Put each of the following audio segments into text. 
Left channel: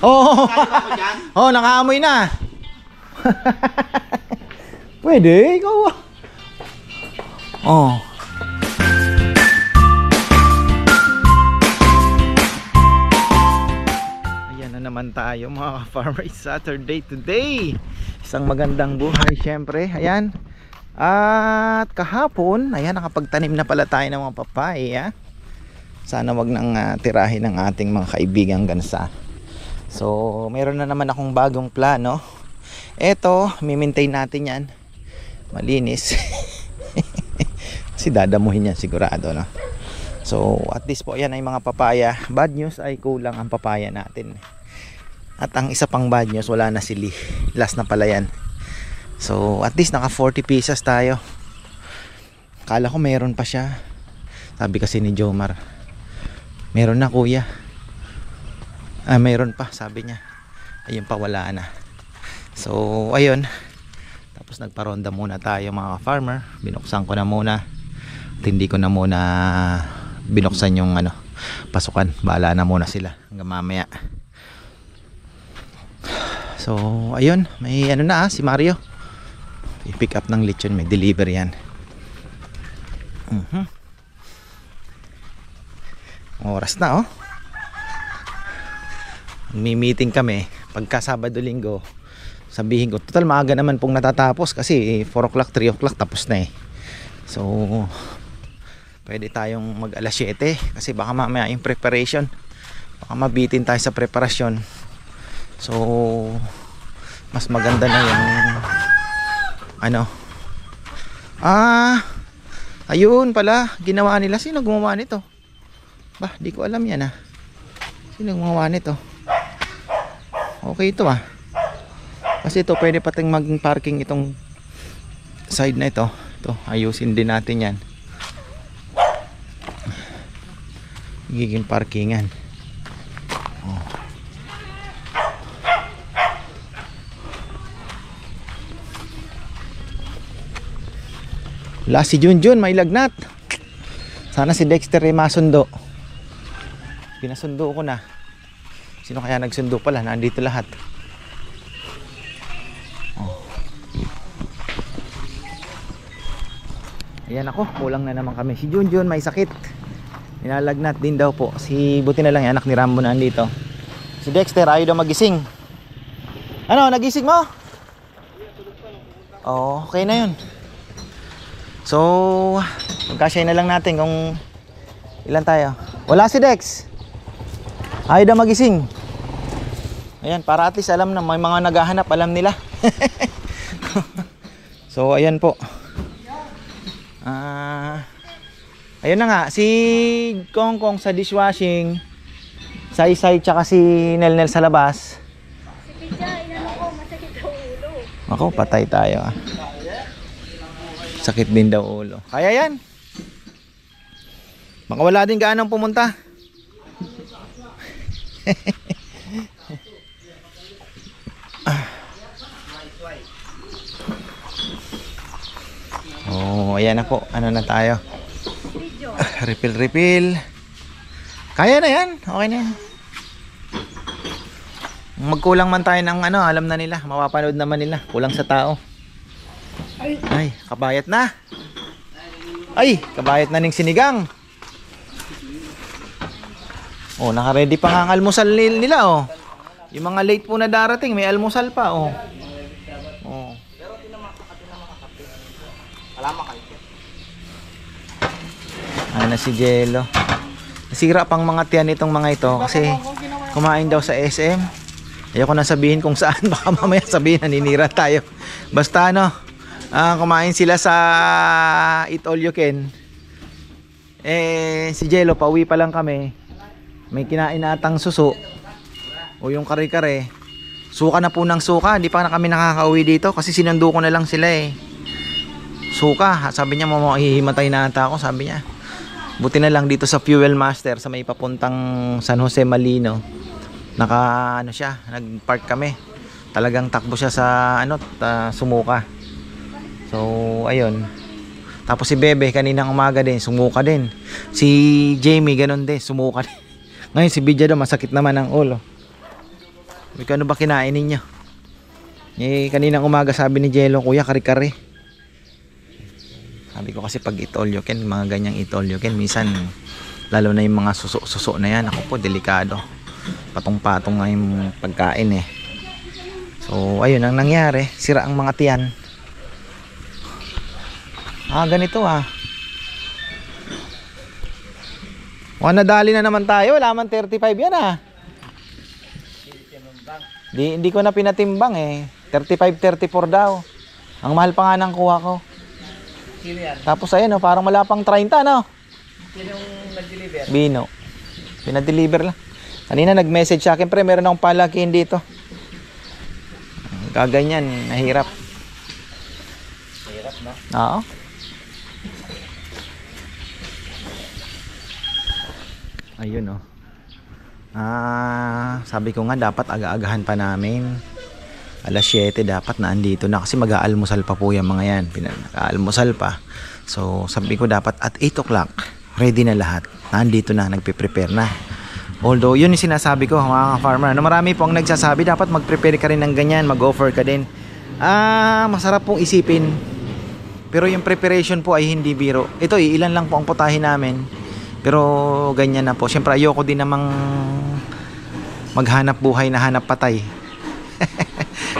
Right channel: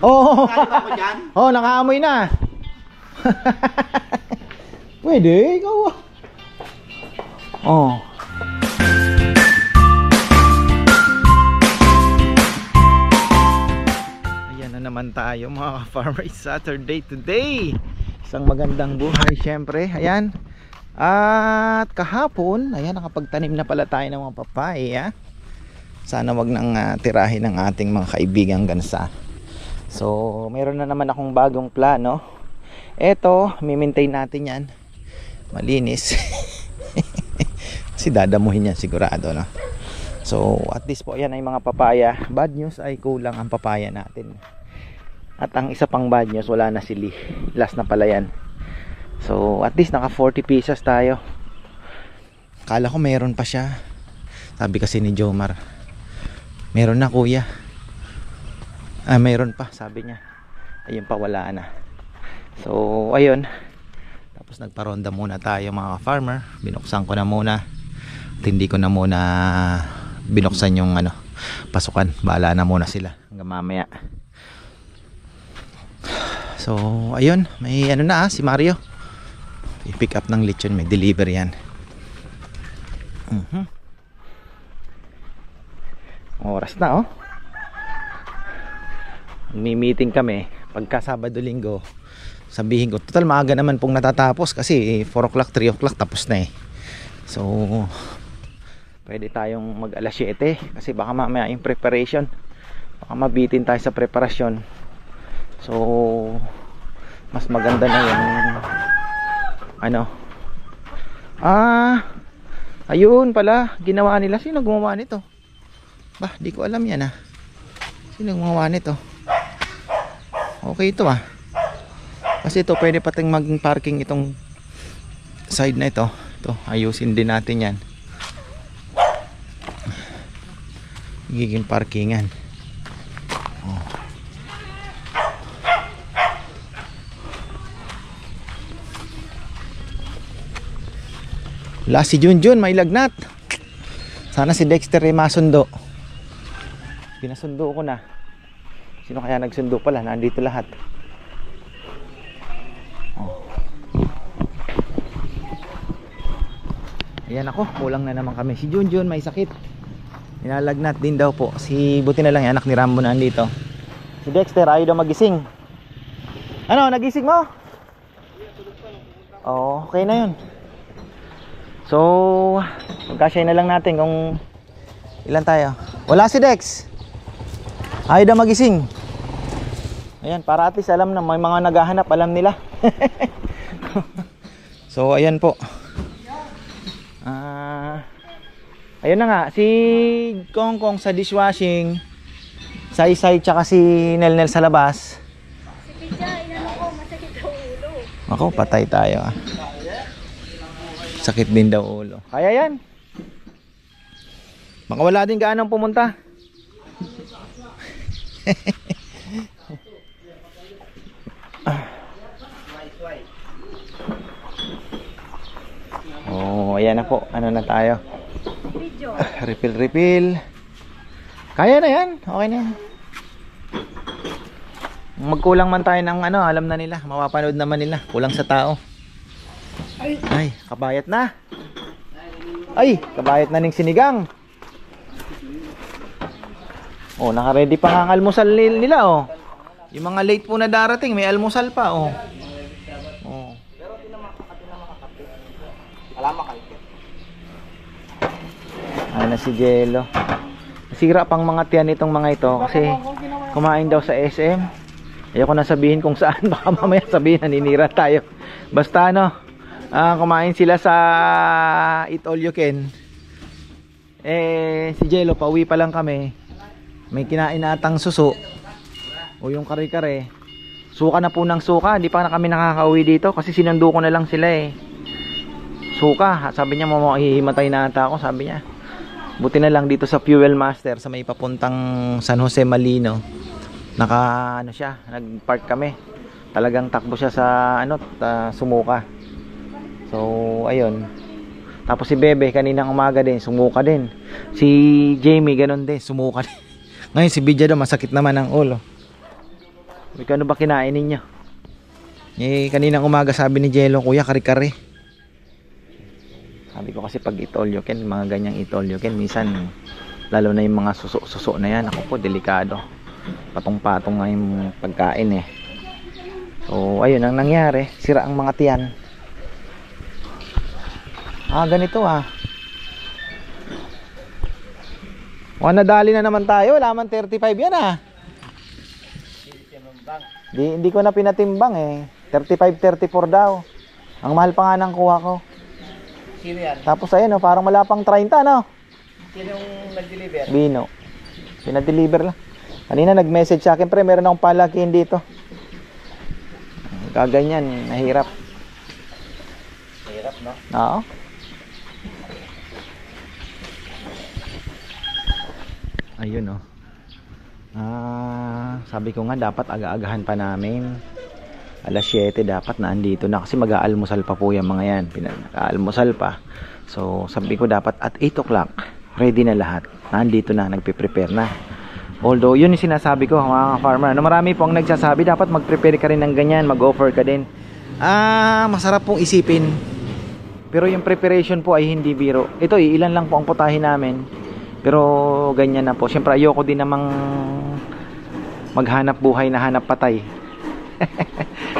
Oo. Kaya ba ako dyan? Oh, nakaamoy na. Pwede, ikaw. Oh. Ayan na naman tayo mga ka-farmer. Saturday today. Isang magandang buhay syempre. Ayan. At kahapon, ayan, nakapagtanim na pala tayo ng mga papaya. Sana wag nang tirahin ng ating mga kaibigang gansa. So, meron na naman akong bagong plano. Eto, mimaintain natin yan. Malinis. Kasi dadamuhin yan sigurado, no? So, at least po, yan ay mga papaya. Bad news ay kulang ang papaya natin. At ang isa pang bad news, wala na sili. Last na pala yan. So, at least naka 40 pieces tayo. Kala ko meron pa siya. Sabi kasi ni Jomar, meron na kuya. Meron pa, sabi niya. Ayun pa, wala na. So, ayun. Tapos nagparonda muna tayo mga farmer. Binuksan ko na muna. At hindi ko na muna binuksan yung pasukan. Bahala na muna sila hanggang mamaya. So, ayun. May si Mario. I-pick up ng lechon, may deliver yan. Oras na, oh. May-meeting kami pagka Sabado Linggo. Sabihin ko, total maaga naman pong natatapos kasi 4 o'clock, 3 o'clock tapos na eh. So, pwede tayong mag alas 7 kasi baka mamaya yung preparation, baka mabitin tayo sa preparasyon. So, mas maganda na yung ayun pala, ginawa nila. Sino gumawa nito? Bah, di ko alam yan Sino gumawa nito? Okay ito kasi ito pwede pating maging parking itong side na ito. Ito, ayusin din natin yan. Giging parkingan. Wala si Junjun, may lagnat. Sana si Dexter ay masundo. Pinasundo ko na. Sino kaya nagsundo pala? Nandito lahat. Ayan ako, kulang na naman kami. Si Junjun may sakit. Nilalagnat din daw po. Buti na lang yung anak ni Rambo na nandito. Si Dexter ayaw daw magising. Nagising mo? Oh, okay na yun. So, magkasya na lang natin kung ilan tayo. Wala si Dex. Ayaw daw magising. Ayan, para at least alam na may mga naghahanap, alam nila. So, ayan po. Ayun na nga, si Kongkong sa dishwashing, Sai-Sai tsaka si Nel sa labas. Si Pidya, masakit ang ulo. Ako, patay tayo Sakit din daw ulo. Kaya yan. Baka wala din gaanong pumunta. Oh, ayan na po. Ano na tayo? Refill. Kaya na yan. Okay na yan. Magkulang man tayo ng alam na nila. Mapapanood naman nila. Kulang sa tao. Ay, kabayat na. Ay, kabayat na ning sinigang. Oh, naka-ready pa nga ang almusal nila, oh. Yung mga late po na darating, may almusal pa, oh. Oh. Ay na si Jello. Nasira pang mga tiyan itong mga ito kasi kumain daw sa SM. Ayoko na sabihin kung saan, baka mamaya sabihin naninira tayo. Basta kumain sila sa Eat All You Can. Si Jello, pauwi pa lang kami. May kinain na atang suso o yung kare-kare. Suka na po ng suka. Hindi pa na kami nakakauwi dito kasi sinundo ko na lang sila Suka, sabi niya hihimatay na ata ako, sabi niya. Buti na lang dito sa Fuel Master sa may papuntang San Jose Malino. Nag-park kami. Talagang takbo siya sa sumuka. So, ayun. Tapos si Bebe kaninang umaga din, sumuka din. Si Jamie ganun din, sumuka din. Ngayon si Bidya daw masakit naman ang ulo. Ano ba kinain ninyo? Kaninang umaga sabi ni Jello, kuya, kare-kare. Sabi ko kasi pag itolyoken, mga ganyang itolyoken, minsan lalo na yung mga suso na yan, ako po, delikado. Patong-patong nga yung pagkain eh. So ayun ang nangyari, sira ang mga tiyan. Ganito nadali na naman tayo, wala man 35 yan Hindi ko na pinatimbang eh. 35, 34 daw. Ang mahal pa nga ng kuha ko. Sino yan? Tapos ayun parang wala pang 30 no? Sino yung nag-deliver? Bino. Pinadeliver lang. Kanina nag-message sa akin, pre, meron akong palakihin dito. Kaganyan, nahirap. Hirap, no? Oo. Ayun sabi ko nga dapat aga-agahan pa namin. Alas 7 dapat na andito na kasi mag-aalmusal pa po yung mga yan. Pinag-aalmusal pa. So sabi ko dapat at 8 o'clock ready na lahat. Nandito na, nagpe-prepare na. Although yun yung sinasabi ko mga farmer. Marami po ang nagsasabi dapat mag-prepare ka rin ng ganyan, mag-offer ka din. Masarap pong isipin. Pero yung preparation po ay hindi biro. Ito ilan lang po ang putahe namin. Pero ganyan na po. Siyempre ayoko din namang maghanap buhay na hanap patay.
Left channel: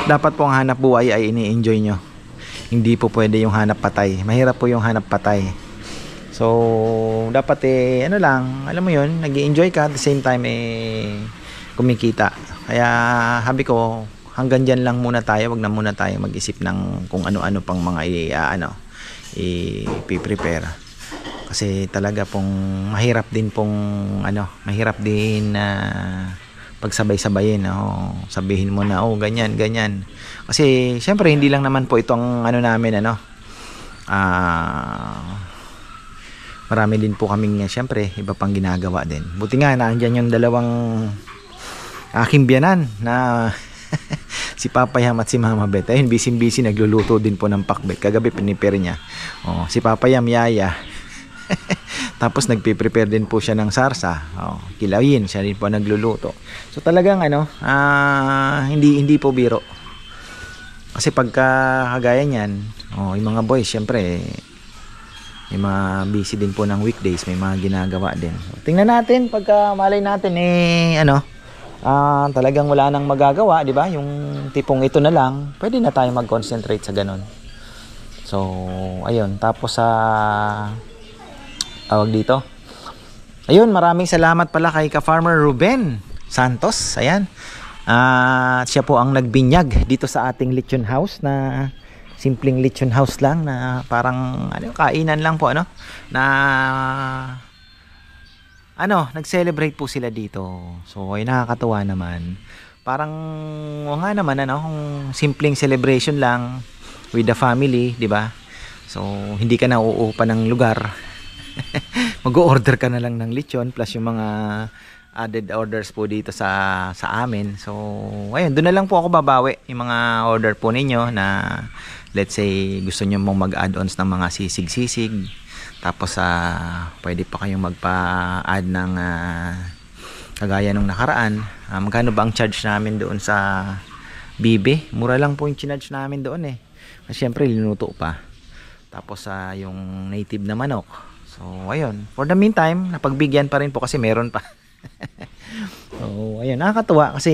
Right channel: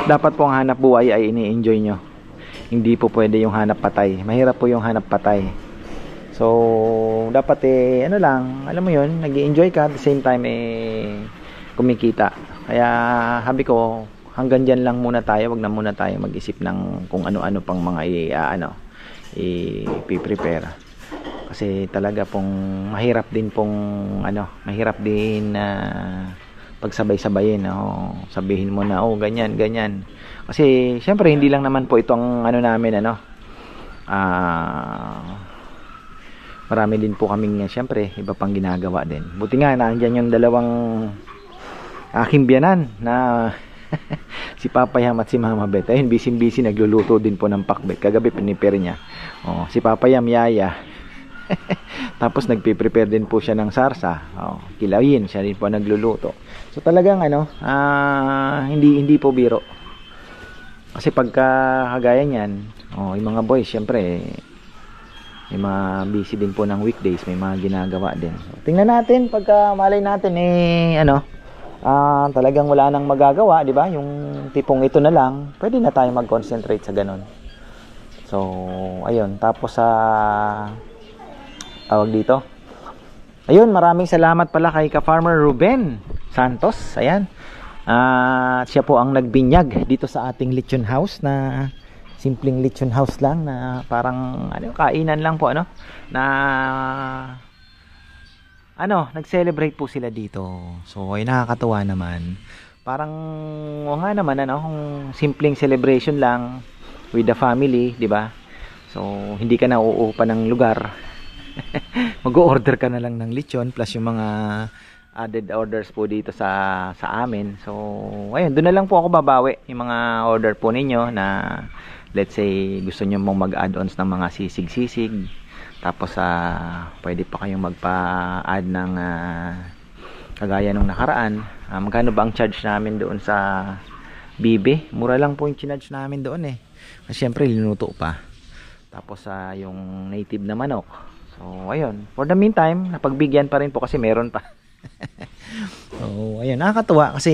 Dapat po ang hanap buhay ay ini-enjoy nyo. Hindi po pwede yung hanap patay. Mahirap po yung hanap patay. So dapat alam mo yun, nag-i-enjoy ka at the same time kumikita. Kaya sabi ko hanggang dyan lang muna tayo. Wag na muna tayo mag-isip ng kung ano-ano pang mga i-prepare. Kasi talaga pong mahirap din pagsabay-sabayin, sabihin mo na ganyan. Kasi syempre hindi lang naman po itong namin marami din po kaming syempre iba pang ginagawa din. Buti nga nandiyan yung dalawang aking biyanan na si Papa Yam at si Mama Beth. Ayun, busy nagluluto din po ng pakbet. Kagabi pinipare niya. Si Papa Yam yaya. Tapos nagpe-prepare din po siya ng sarsa. Kilawin, siya din po nagluluto. So talagang hindi po biro. Kasi pagka kagaya niyan, yung mga boys syempre may mga busy din po ng weekdays, may mga ginagawa din. Tingnan natin pagka malay natin talagang wala nang magagawa, di ba? Yung tipong ito na lang, pwede na tayo mag-concentrate sa ganun. So ayun, tapos tawag dito. Ayun, maraming salamat pala kay Ka-Farmer Ruben Santos. Ayan. Siya po ang nagbinyag dito sa ating lechon house na simpleng lechon house lang na parang kainan lang po nag-celebrate po sila dito. So ay nakakatuwa naman. Parang nga naman kung simpleng celebration lang with the family, 'di ba? So hindi ka na uupa ng lugar. Mag-o-order ka na lang ng lechon plus yung mga added orders po dito sa amin. So ayun, doon na lang po ako babawi yung mga order po ninyo na let's say gusto nyo mong mag-add-ons ng mga sisig-sisig. Tapos pwede pa kayong magpa-add ng kagaya nung nakaraan. Magkano ba ang charge namin doon sa Bibe? Mura lang po yung charge namin doon Kasi syempre linuto pa. Tapos yung native na manok. So ayun, for the meantime napagbigyan pa rin po kasi meron pa. So ayun, nakakatuwa kasi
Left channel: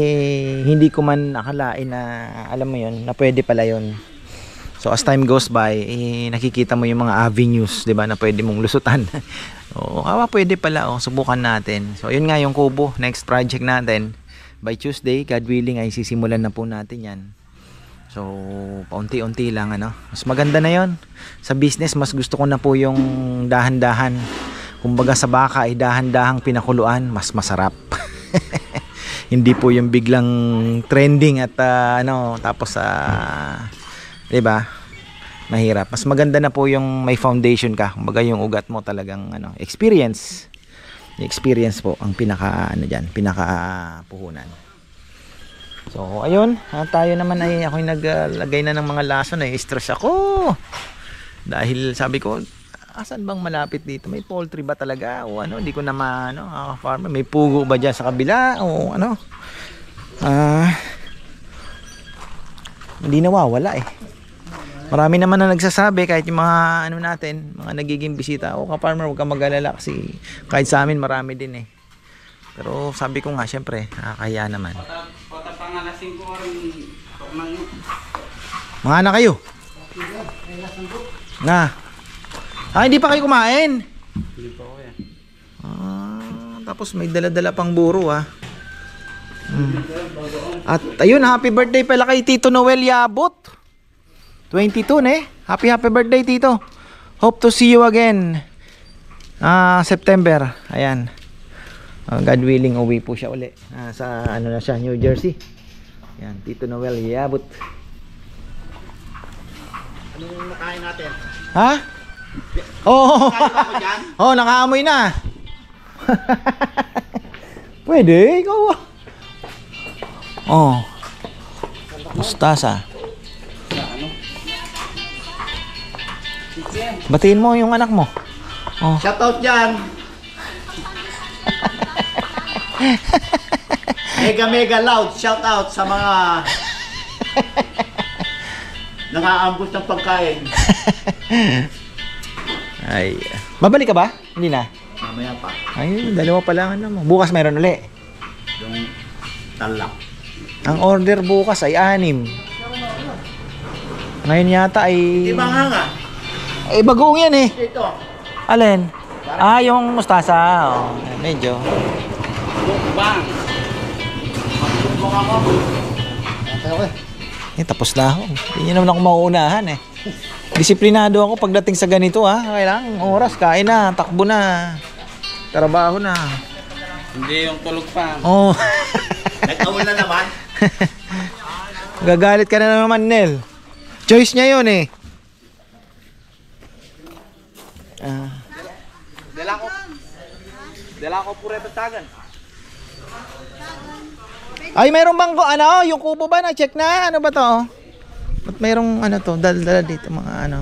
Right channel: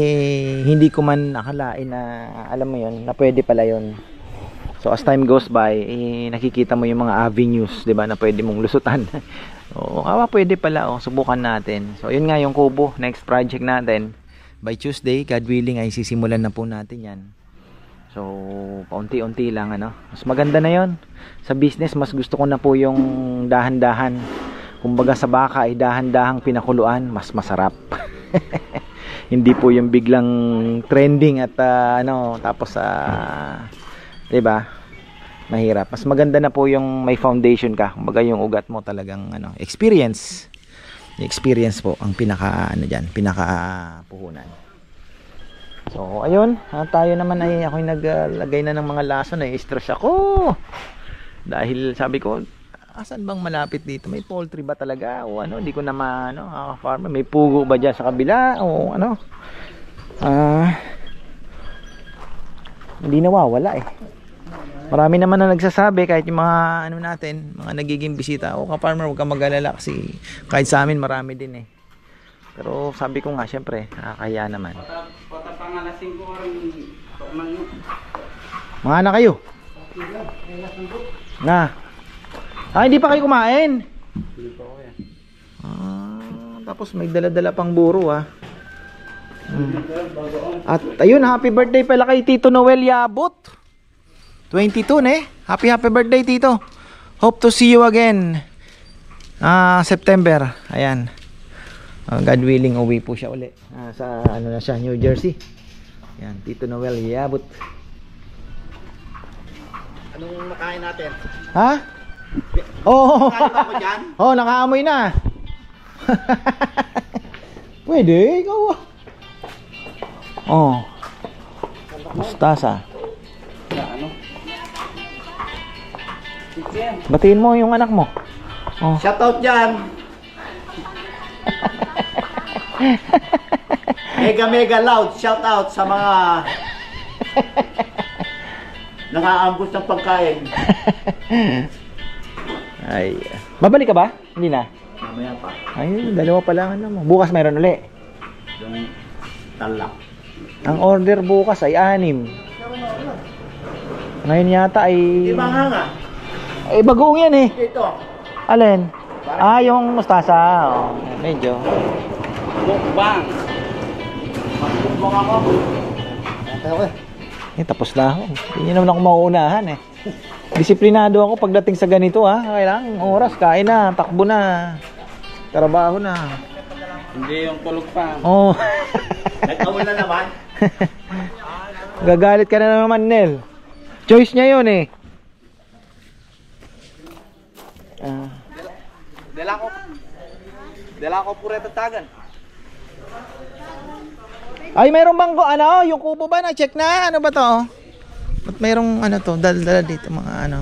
hindi ko man akalain na alam mo yun, na pwede pala yun. So as time goes by, nakikita mo yung mga avenues, 'di ba, na pwede mong lusutan. Pwede pala, subukan natin. So yun nga yung kubo, next project natin. By Tuesday, God willing, ay sisimulan na po natin 'yan. So paunti-unti lang Mas maganda na 'yon. Sa business, mas gusto ko na po yung dahan-dahan. Kumbaga sa baka ay dahan-dahang pinakuluan, mas masarap. Hindi po yung biglang trending at tapos 'di ba? Mahirap. Mas maganda na po yung may foundation ka. Kumbaga yung ugat mo talagang experience. Yung experience po ang pinaka pinaka-puhunan. So ayun, tayo naman ay ako'y naglagay na ng mga lason, stress ako. Dahil sabi ko, asan bang malapit dito? May poultry ba talaga? O hindi ko na farmer, may pugo ba diyan sa kabila? O hindi nawawala eh. Marami naman na nagsasabi kahit yung mga ano natin, mga nagiging bisita. O ka-farmer, huwag kang mag-alala kasi kahit sa amin marami din eh. Pero sabi ko nga, syempre, nakakahiya naman. Mga anak kayo? Na. Hindi pa kayo kumain? Hindi pa ako yan. Tapos may dala-dala pang buro At ayun, happy birthday pala kay Tito Noel Yabot. 22 happy birthday Tito. Hope to see you again September. Ayan, God willing uwi po siya uli sa ano na siya, New Jersey. Ayan, Tito Noel Yabot. Anong nakain natin? Ha? Oo. Nakain ba ako dyan? Oo, nakaamoy na. Pwede, ikaw mustasa. Ano? Batiin mo yung anak mo. Shoutout dyan! Mega loud shoutout sa mga nakaambos ng pagkain. Ay, babalik ka ba? Hindi na. Mamaya pa. Ay, dalawa pa lang mo. Bukas mayroon uli. Yung talak. Ang order bukas ay 6. Ngayon yata ay... Di ba nga? bagoong yan eh. Dito. Alin? Yung mustasa. Medyo. Bukbang. Magbukbang ako. Tapos na ako. Hindi naman ako mauunahan eh. Disiplinado ako pagdating sa ganito Kailangan oras, kain na, takbo na. Trabaho na. Hindi yung tulog pa. Nag-awal na naman. Gagalit ka na naman, Nel. Choice niya yun eh. Dala ko pure tatagan. Ay, mayroong bang yung kubo ba na-check na? Ano ba to? Ba't mayroong to? Dala dito mga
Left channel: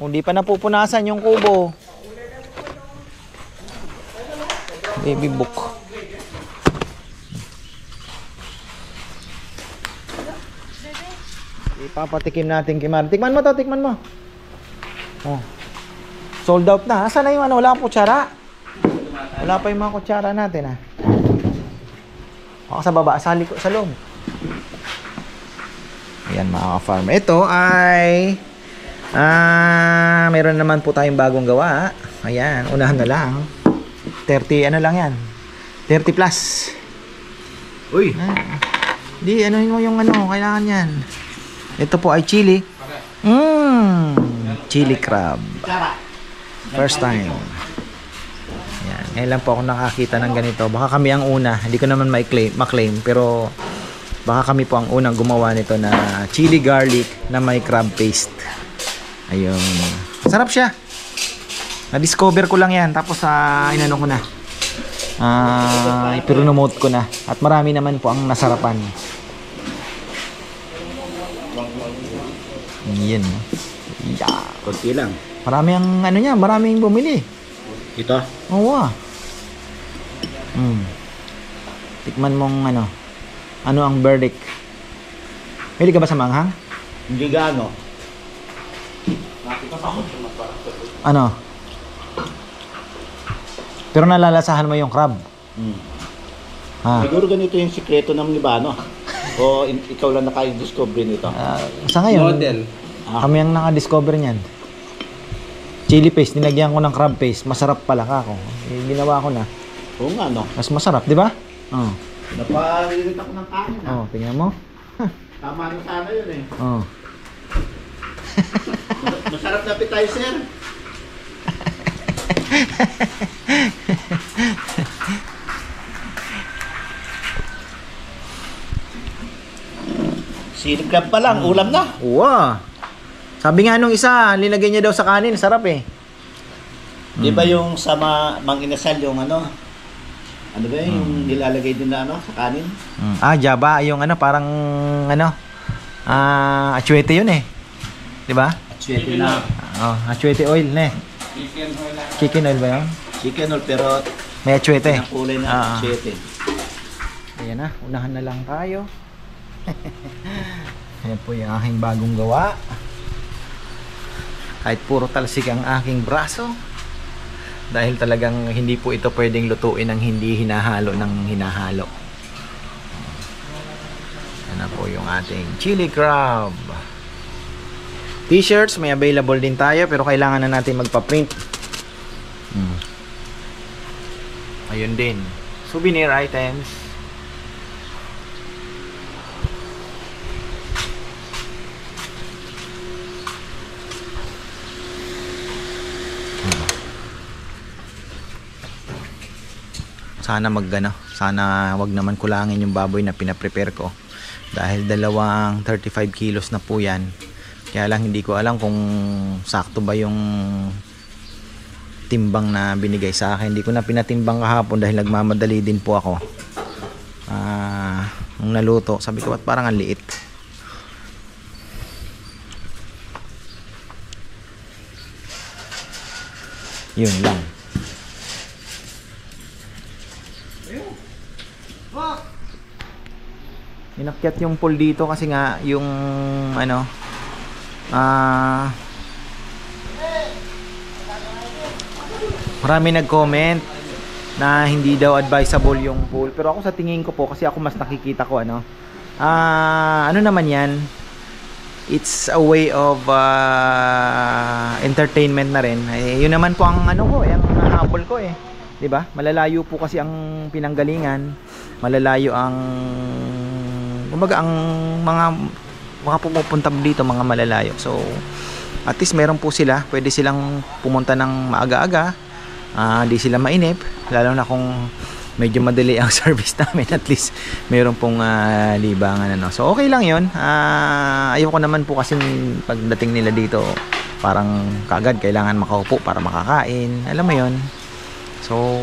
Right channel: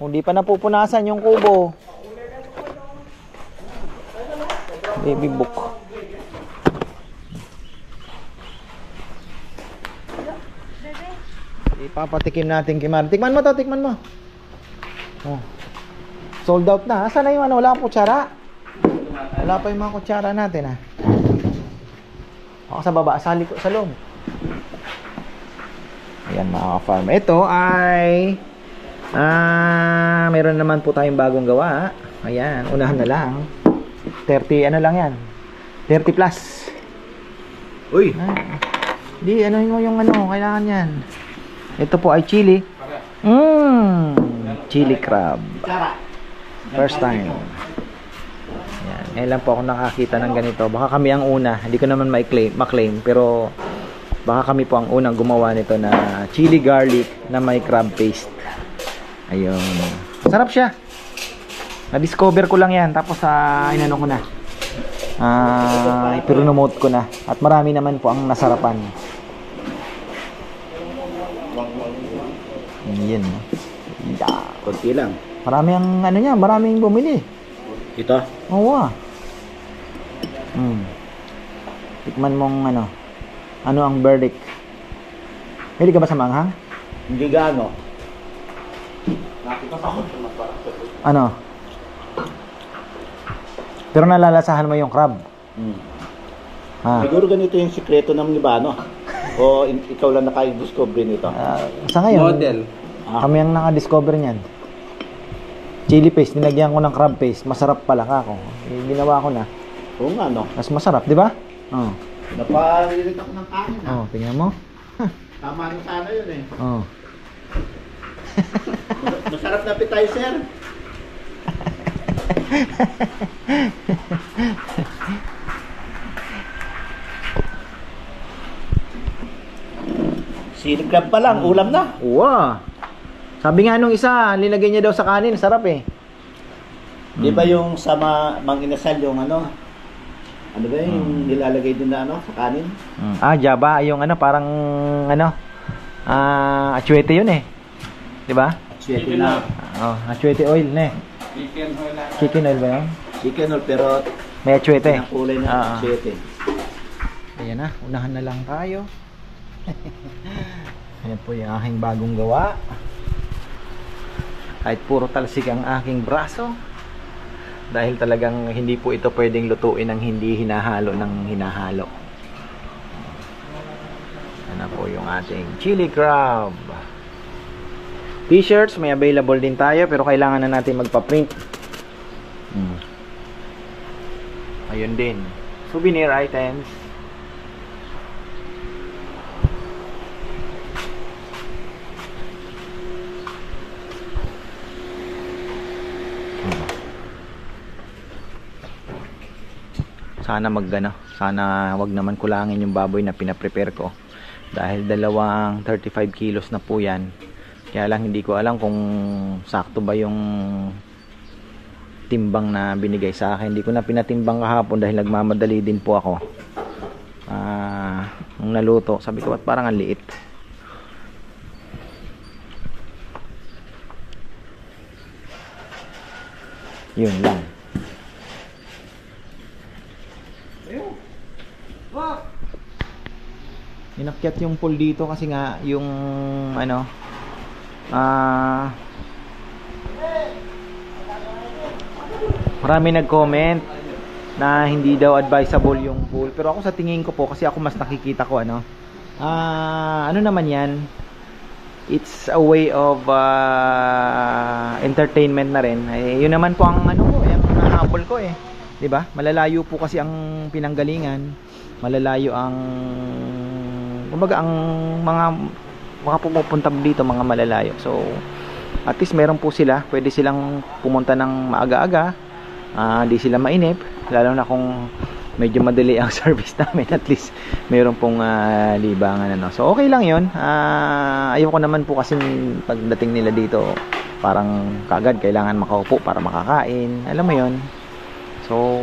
Hindi pa napupunasan yung kubo. Baby book. Ipapatikim natin kay Mar. Tikman mo to, tikman mo. Sold out na. Asan na yung wala pang kutsara? Wala pa yung mga kutsara natin Ako sa baba, sa loob. Ayan mga ka-farm. Ito ay meron naman po tayong bagong gawa. Ayan, unahan na lang. 30 lang yan. 30 plus. Uy. Di, mo yung kailangan yan. Ito po ay chili. Chili crab. First time. Ayan. Ngayon lang po ako nakakita ng ganito. Baka kami ang una. Hindi ko naman ma-claim. Pero baka kami po ang unang gumawa nito na chili garlic na may crab paste. Ayun. Sarap siya. Na-discover ko lang yan. Tapos inano ko na. Ipromote ko na. At marami naman po ang nasarapan. Yan. Yeah. Kunti lang. Marami ang maraming bumili. Ito? Oo. Tikman mong ano ang verdict. Pili ka ba sa manghang? Hindi gaano. Ano? Pero nalalasahan mo yung crab. Siguro ganito yung sikreto naman ni Bano. O ikaw lang naka-discover nito? Sa ngayon, Model. Kami ang naka-discover niyan. Chili paste, nilagyan ko ng crab paste. Masarap pala ako. Ginawa ko na. Oo nga, no? Mas masarap, di ba? Napalilit ako ng kanin, Tingnan mo. Tama na sana yun eh. Masarap na appetizer. Chili crab pa lang, ulam na. Wow. Sabi nga nung isa, nilagay niya daw sa kanin, sarap eh. Di ba yung sa Mang Inasal yung ano ba yung nilalagay din na sa kanin? Jaba, yung parang atsuete yun eh. Di ba? Atsuete na. Atsuete oil na eh. Chicken oil ba yun? Chicken oil pero may atsuete. ang kulay na atsuete. Ayan na, unahan na lang tayo. Ayan po yung aking bagong gawa. Kahit puro talsik ang aking braso. Dahil talagang hindi po ito pwedeng lutuin ng hindi hinahalo ng hinahalo. Ayan po yung ating chili crab. T-shirts, may available din tayo pero kailangan na natin magpa-print. Ayun din. Souvenir items. Sana sana wag naman kulangin yung baboy na pinaprepare ko. Dahil dalawang 35 kilos na po yan. Kaya lang hindi ko alam kung sakto ba yung timbang na binigay sa akin. Hindi ko na pinatimbang kahapon dahil nagmamadali din po ako. Nung naluto, sabi ko, ba't parang ang liit? Yun lang. Inakyat yung pool dito kasi nga yung ano marami nag-comment na hindi daw advisable yung pool, pero ako sa tingin ko po, kasi ako mas nakikita ko ano naman yan, it's a way of entertainment na rin. Yun naman po ang ano ko, yung habol ko 'di ba? Malalayo po kasi ang pinanggalingan, malalayo ang kumbaga ang mga pumupunta dito, mga malalayo. So at least meron po sila, pwede silang pumunta ng maaga-aga, di sila mainip, lalo na kung medyo madali ang service namin. At least meron pong libangan ano. So okay lang yun. Ayoko naman po kasi pagdating nila dito parang kaagad kailangan makaupo para makakain, alam mo yun. So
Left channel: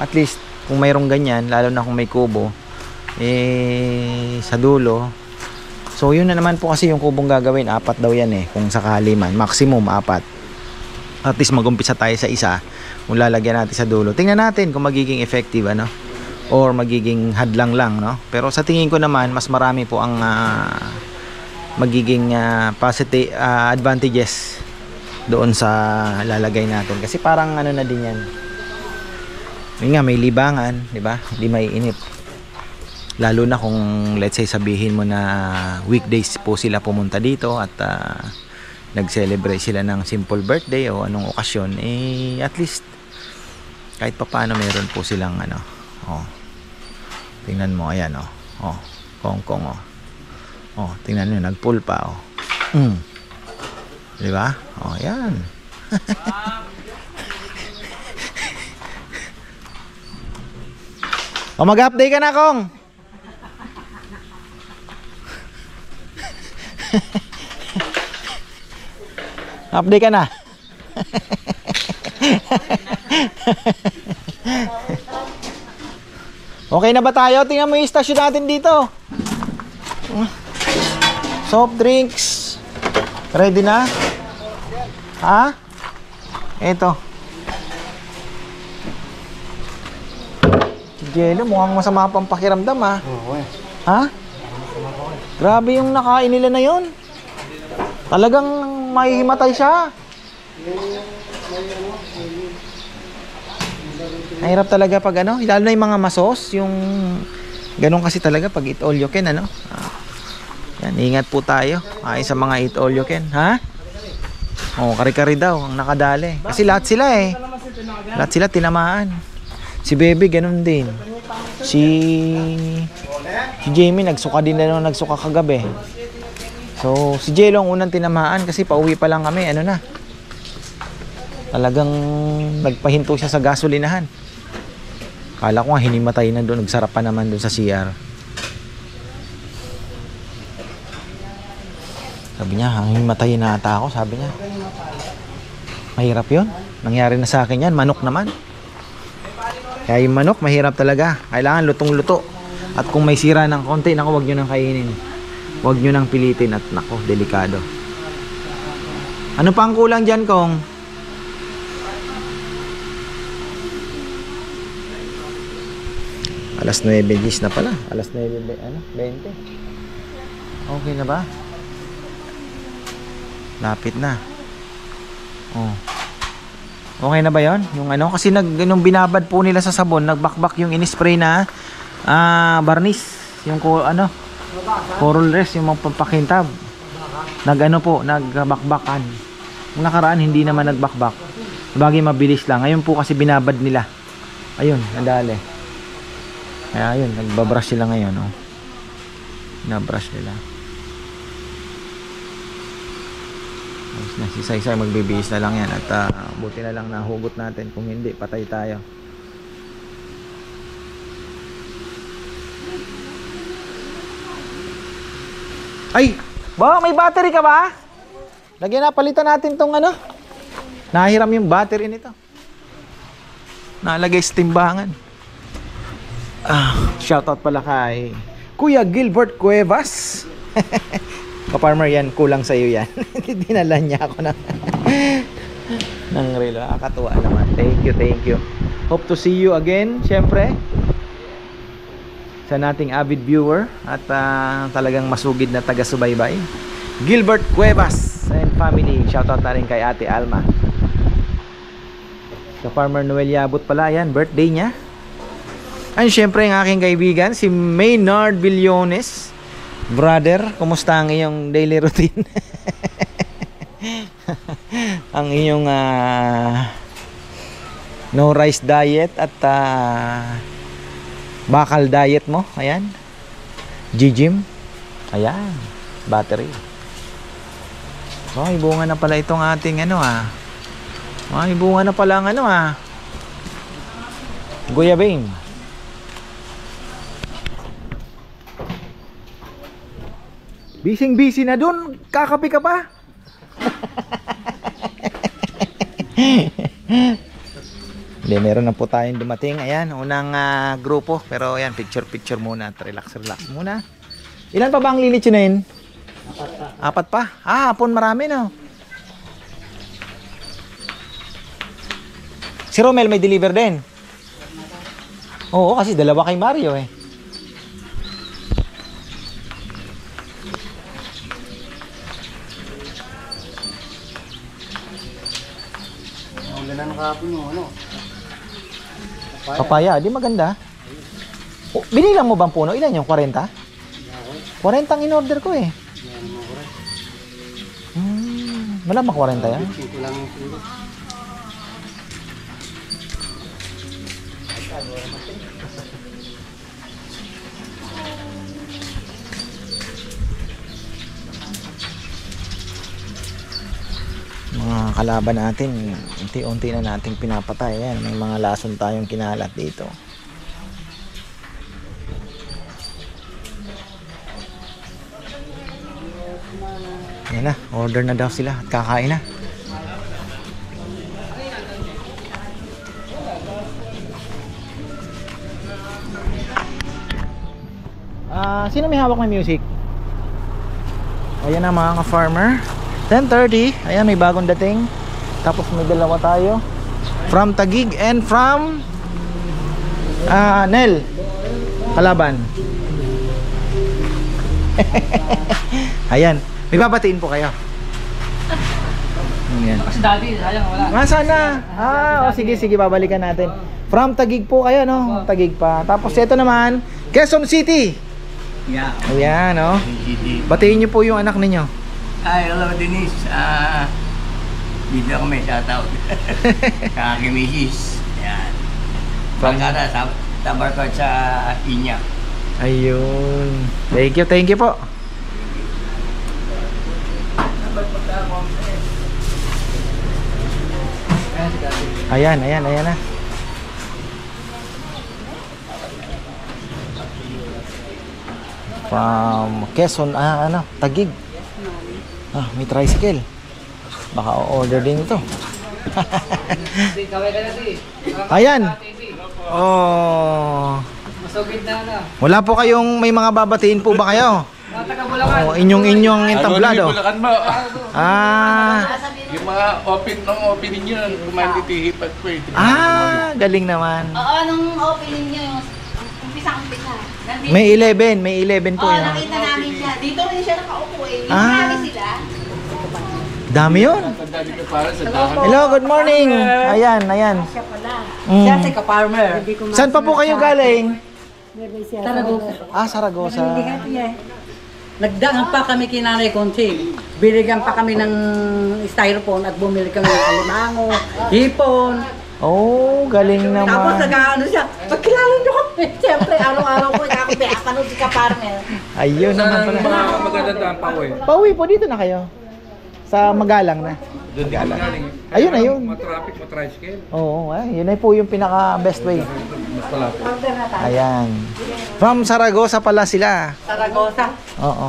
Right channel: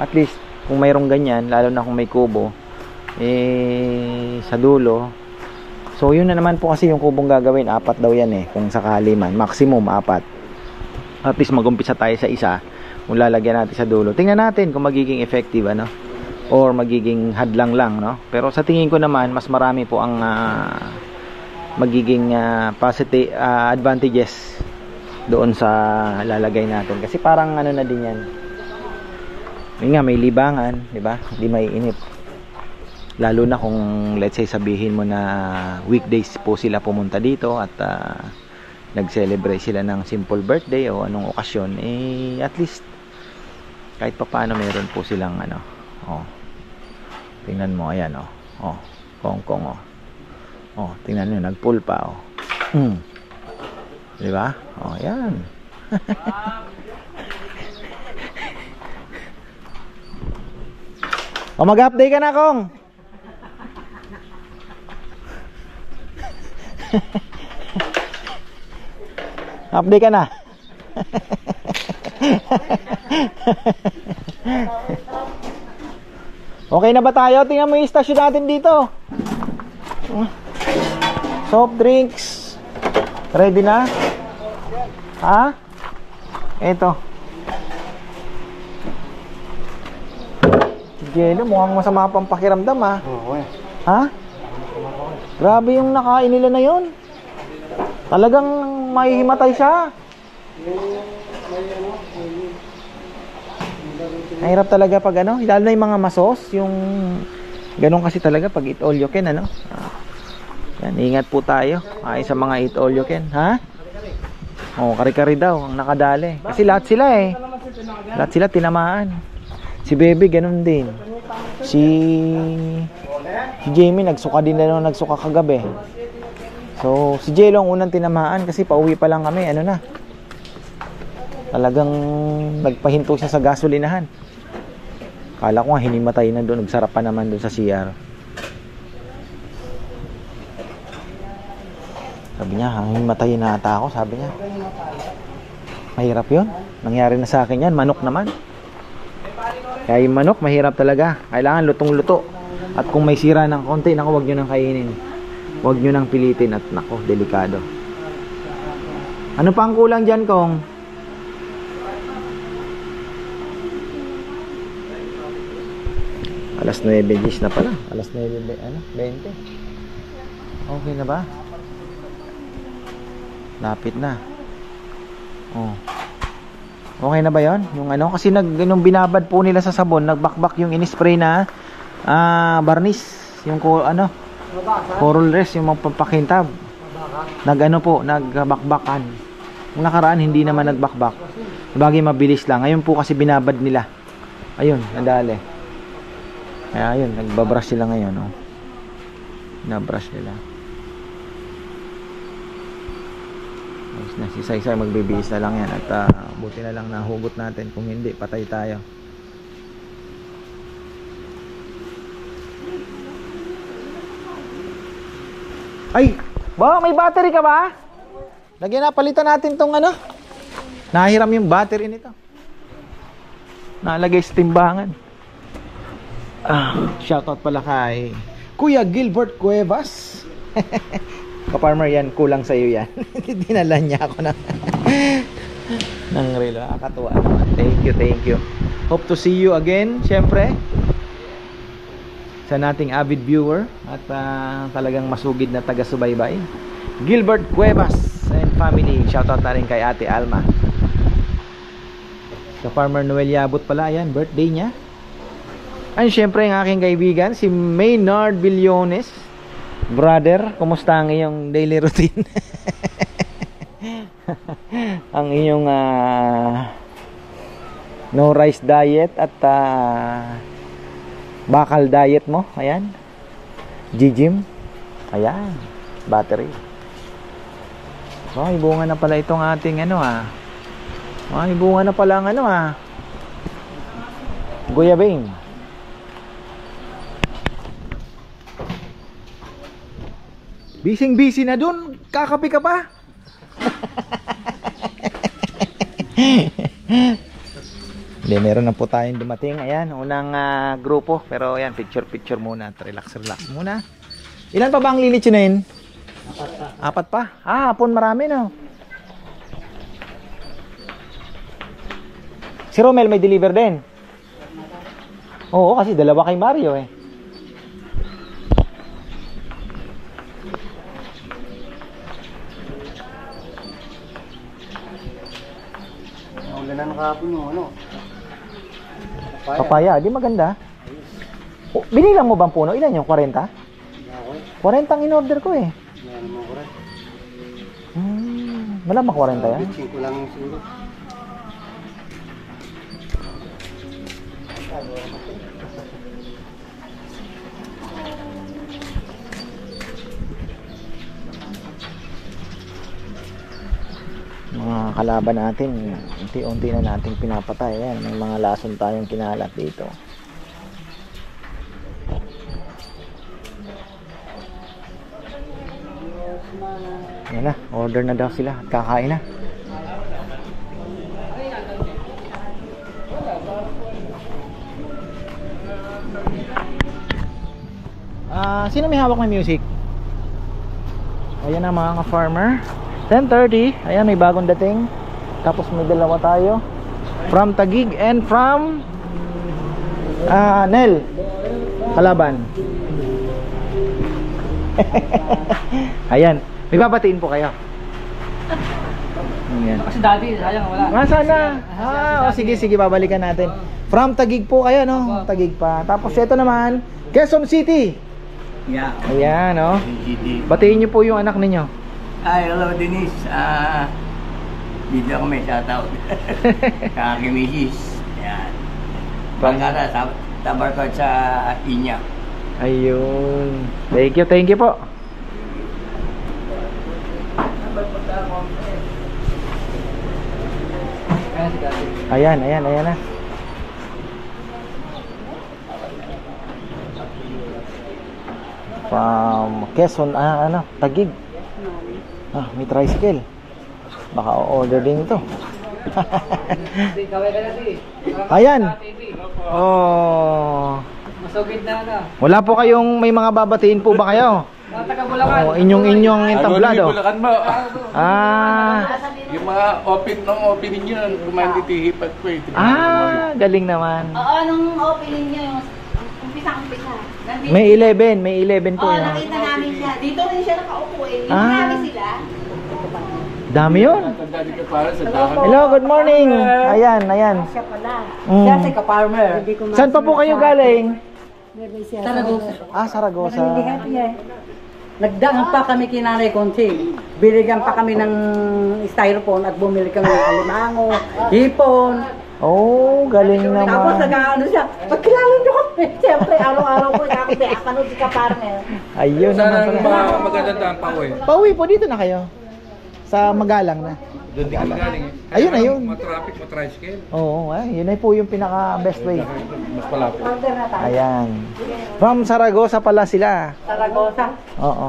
at least kung mayroong ganyan, lalo na kung may kubo sa dulo. So yun na naman po kasi yung kubong gagawin, 4 daw yan kung sakali man, maximum 4. At least mag-umpisa tayo sa isa, kung lalagyan natin sa dulo. Tingnan natin kung magiging effective ano, or magiging hadlang lang no. Pero sa tingin ko naman mas marami po ang magiging positive advantages doon sa lalagay natin, kasi parang ano na din yan. Yun nga, may libangan, di ba? Hindi may inip. Lalo na kung let's say sabihin mo na weekdays po sila pumunta dito at nag-celebrate sila ng simple birthday o anong okasyon, at least kahit pa paano meron po silang ano. Tingnan mo, ayan kongkong tingnan nyo, nag-pull pa di ba? Ayan. Mag-update ka na, Kong. Update ka na. Okay na ba tayo? Tingnan mo yung stasyon natin dito. Soft drinks. Ready na? Ha? Ito. Jello, mukhang masama pang pakiramdam ha? Grabe yung nakain nila na yon. Talagang mahihimatay siya. Mahirap talaga pag ano, lalo na yung mga masos, yung ganun kasi talaga pag eat all you can ano. Yan, ingat po tayo sa mga eat all you can, ha? Kari-kari daw ang nakadali. Kasi lahat sila lahat sila tinamaan. Si Bebe ganun din. Si Jamie nagsuka din na nung nagsuka kagabi. So si Jello ang unang tinamaan kasi pauwi pa lang kami, ano na. Talagang nagpahinto siya sa gasolinahan. Kala ko nga hinimatay na doon, nagsarap pa naman doon sa CR. Sabi niya, hinimatay na ata ako, sabi niya. Mahirap 'yon. Nangyari na sa akin 'yan, manok naman. Kaya yung manok, mahirap talaga. Kailangan lutong-luto. At kung may sira ng konti, naku, huwag nyo nang kainin. Huwag nyo nang pilitin at naku, delikado. Ano pa ang kulang dyan, Kong? Alas 9:10 na pala. Alas 9:20. Okay na ba? Lapit na. Oh. Okay na ba 'yon? Yung ano kasi nung binabad po nila sa sabon, nagbakbak yung in-spray na varnish, yung ano, coral rest, yung magpapakintab. Nag-ano po, nagbakbakan. Yung nakaraan hindi naman nagbakbak. Bagay mabilis lang. Ngayon po kasi binabad nila. Ayun, nadali. Kaya ayun, nagbabrush sila ngayon, oh. Nabrush nila. Ayos na, si Saysay magbibihis na lang yan. At buti na lang nahugot natin. Kung hindi, patay tayo. Ay! Ba, may battery ka ba? Lagyan na, palitan natin tong ano. Nahiram yung battery nito. Nalagay sa timbangan. Shoutout pala kay Kuya Gilbert Cuevas. Ka-farmer yan, kulang sa'yo yan. Dinala niya ako ng relo. Nakakatuwa naman. Thank you. Hope to see you again, syempre. Sa nating avid viewer at talagang masugid na taga-subaybay. Gilbert Cuevas and family. Shoutout na rin kay Ate Alma. Ka-farmer Noel Yabut pala yan, birthday niya. And syempre ang aking kaibigan, si Maynard Villones. Brother, kumusta ang iyong daily routine? Ang iyong no rice diet at bakal diet mo. Ayan. G-gym. Ayan. Battery. May bunga na pala itong ating ano May bunga na pala ang ano Guyabane. Busy na dun. Kakapi ka pa? Hindi, meron na po tayong dumating. Ayan, unang grupo. Pero ayan, picture muna at relax muna. Ilan pa ba ang lilitsunin? Apat pa. Hapon marami no. Si Romel may deliver din. Oo, kasi dalawa kay Mario eh. Ulan na kahapon yung ano. Papaya, di maganda. Binilang mo bang puno? Ilan yung 40? 40 ang in-order ko eh. Malamang 40 yan. 5 lang yung siguro. Mga kalaban natin, unti-unti na nating pinapatay. Ayan, may mga lason tayong kinalat dito. Yan na, order na daw sila at kakain na. Sino may hawak ng music? Ayan na mga ka-farmer, 10:30. Ayan, may bagong dating. Tapos may dalawa tayo from Taguig and from Nel Kalaban. Ayan, may babatiin po kayo. Ayan. Kasi dati, sayang wala. Sana. Sige, babalikan natin. From Taguig po kayo, no? Taguig pa. Tapos ito naman, Quezon City. Yeah. Ayan, no? GD. Batiin niyo po yung anak ninyo. Hi, hello Denise. Dito ako may shoutout. Sa aking misis. Yan. Pagkata sa Tabarkot sa Inya. Ayun. Thank you po. Ayan na. From Quezon, Taguig. May tricycle. Baka order din ito. Ayan. Oh. Masugid na. Wala po kayong may mga babatiin po ba kayo? Mga taga-Bulacan. Inyong entablado. Bulacan mo. Yung mga opening nyo, kumanditihipat ko eh. Galing naman. Oo, nung opening nyo, yung umpisa. May 11 po yun. Nakita namin siya. Dito rin siya nakaupo eh. Yung Ah. marami sila. Dami yun. Tanda dito para sa dahan. Hello, good morning. Ayan, ayan. Siya pala. Siya Mm. si ka-farmer. Saan pa po kayo galing? Saragosa. Ah, Saragosa. Nagdaan pa kami kay Nanay Conching. Binigyan pa kami ng styrofoam at bumili kami ng alimango, hipon. Oh, galing Tapos naman. nag-ano siya, pagkilala niyo kami. Siyempre, araw-araw ko ako pinapanood si ka-farmer. Ayun naman Saan ang pala. mga magandang daan pa eh? Pauwi po, dito na kayo. Sa Magalang na. Doon din galing eh. Ayun, ayun. Matraffic, matricycle. Oo, yun ay po yung pinaka best way. Mas malapit. Order na tayo. Ayan. From Saragosa pala sila. Saragosa. Oo.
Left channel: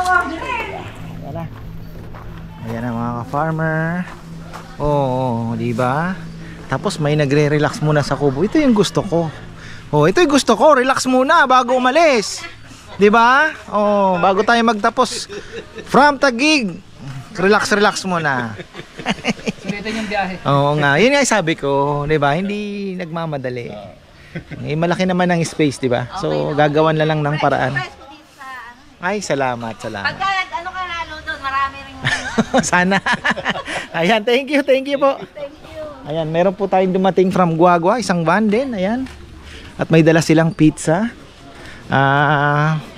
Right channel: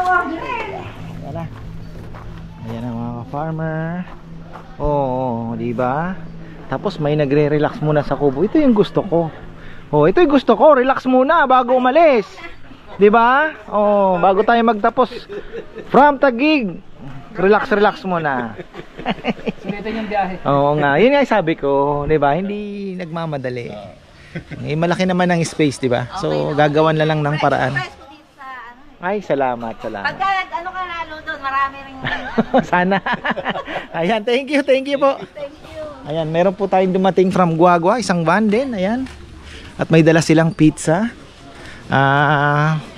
Ayan na. Ayan na mga ka-farmer. Oo, di ba? Tapos may nagre-relax muna sa kubo. Ito yung gusto ko. Oh, ito yung gusto ko. Relax muna bago umalis. Di ba? Oh, bago tayo magtapos from Taguig. Relax muna. Sulitin yung biyahe. Oo nga, yun nga yung sabi ko, 'di ba? Hindi nagmamadali. Eh, malaki naman ang space, 'di ba? So, gagawan na lang ng paraan. Price ko dito sa ano eh. Ay, salamat. Pagka ano ka lalo doon, marami rin Sana. Ayan, thank you po. thank you. Ayan, meron po tayong dumating from Guagua, isang van din, ayan. At may dala silang pizza.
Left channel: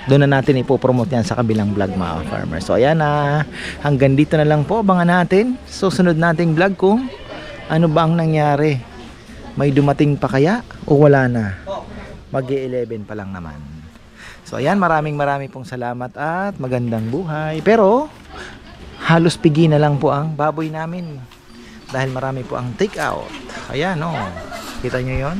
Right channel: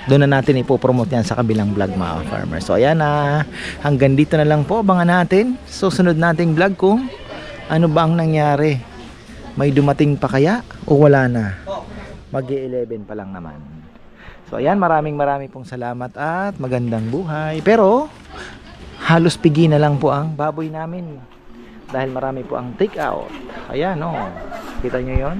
Doon na natin ipopromote yan sa kabilang vlog mga farmer. So ayan na, hanggang dito na lang po, abangan natin susunod nating vlog kung ano ba ang nangyari. May dumating pa kaya o wala na? Mag-11 pa lang naman. So ayan, maraming pong salamat at magandang buhay. Pero halos pigi na lang po ang baboy namin dahil marami po ang take out. Ayan, oh. Kita nyo yon?